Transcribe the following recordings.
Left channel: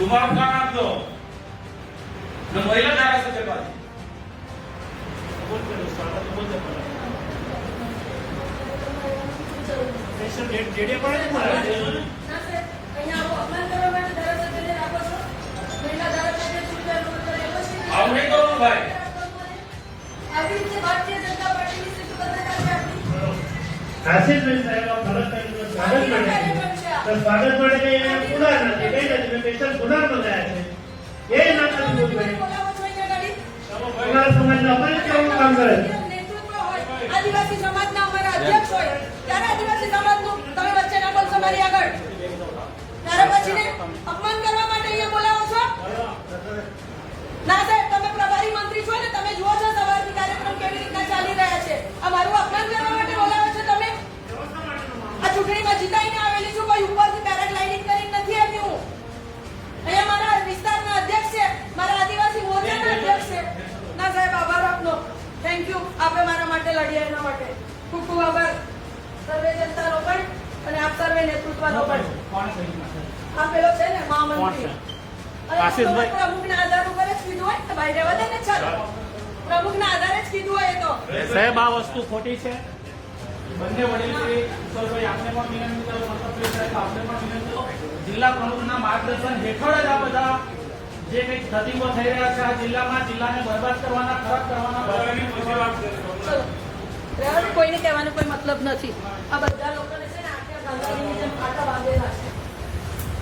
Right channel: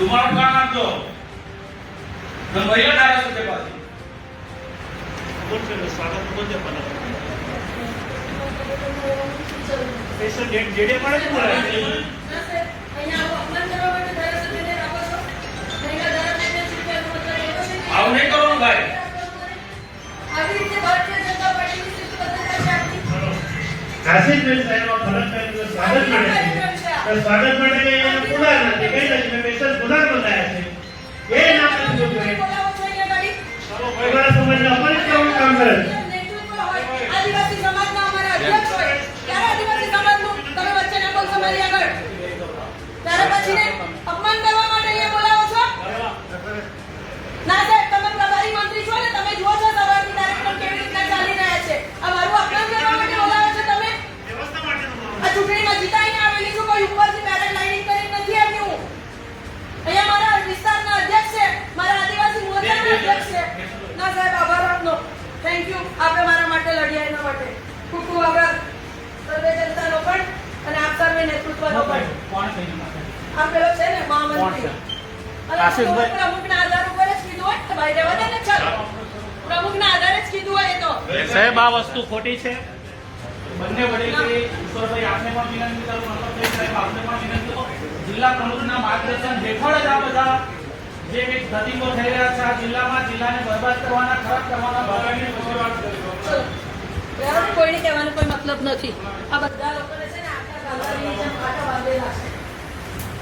तुम्हारा काम आप दो न महिला धारासभ्य पास बोल के स्वागत बोल दे पड़ा स्पेशल जेडे पड़े ने बोला ના સર અહીંયા આવો અપમાન કરવા માટે ધારાસભ્યને રાખો છો મહિલા ધારાસભ્ય ચૂંટવાનો મતલબ એવો છે કે આવું નહીં કરવાનું ભાઈ આવી રીતે ભારતીય જનતા પાર્ટીની સ્થિતિ બદલાય છે આપણી આશીષભાઈ સાહેબ ખબર કરીને સ્વાગત માટે તો સ્વાગત માટે પુનઃ નથી કઈ નથી સ્પેશલ પુનઃ મંગાયા છે એ નામ નથી બોલવું બોલાવો છો અહીંયા ગાડી પહેલા સમયના અપમાન કેવું કામ કરે છે નેતૃત્વ હોય આદિવાસી સમાજના અમારા અધ્યક્ષ હોય ત્યારે આદિવાસી સમાજનું તમે વચ્ચે ના બોલશો મારી આગળ ત્યારે પછીને અપમાન કરવા માટે અહીંયા બોલાવો છો ના સાહેબ તમે પ્રભારી મંત્રી છો ને તમે જુઓ છો સવારથી કાર્યક્રમ કેવી રીતના ચાલી રહ્યા છે આ મારું અપમાન કરવા માટે બોલાવો છો તમે આ ચૂંટણીમાં જીતાઈને આવેલી છું કોઈ ઉપરથી પેરાગ્લાઇડિંગ કરીને નથી આવી હું અહીંયા મારા વિસ્તારના અધ્યક્ષ છે મારા આદિવાસી મોરચાના અધ્યક્ષ છે ના સાહેબ આભાર આપનો થેન્ક યુ આપે મારા માટે લડ્યા એના માટે ખૂબ ખૂબ આભાર સર્વે જનતાનો પણ અને આપ સર્વે નેતૃત્વનો પણ આ પેલો છે ને મહામંત્રી અને પ્રમુખના આધાર ઉપર જ કીધું હોય તો ભાઈ રહેવા દે ને ચાલો પ્રમુખના આધારે જ કીધું હોય એ તો સાહેબ આ વસ્તુ ખોટી છે બંને વડીલશ્રી ઈશ્વરભાઈ આપને પણ વિનંતી કરું મંત્રી સાહેબ આપને પણ વિનંતી કરું જિલ્લા પ્રમુખના માર્ગદર્શન હેઠળ જ આ બધા જે કંઈક ધતિંગો થઈ રહ્યા છે આ જિલ્લામાં જિલ્લાને બરબાદ કરવાના ખરાબ કરવાના ભાગની ચલો રહેવા દે કોઈને કહેવાનો કોઈ મતલબ નથી આ બધા લોકોને છે ને આખા ગાંધારીની જેમ આટા બાંધેલા છે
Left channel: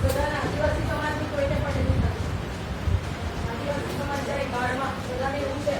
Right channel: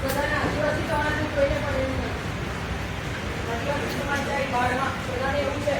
બધાના આદિવાસી સમાજનું કોઈને પણ એવું નથી આદિવાસી સમાજ જાય બાળમાં બધાને એવું છે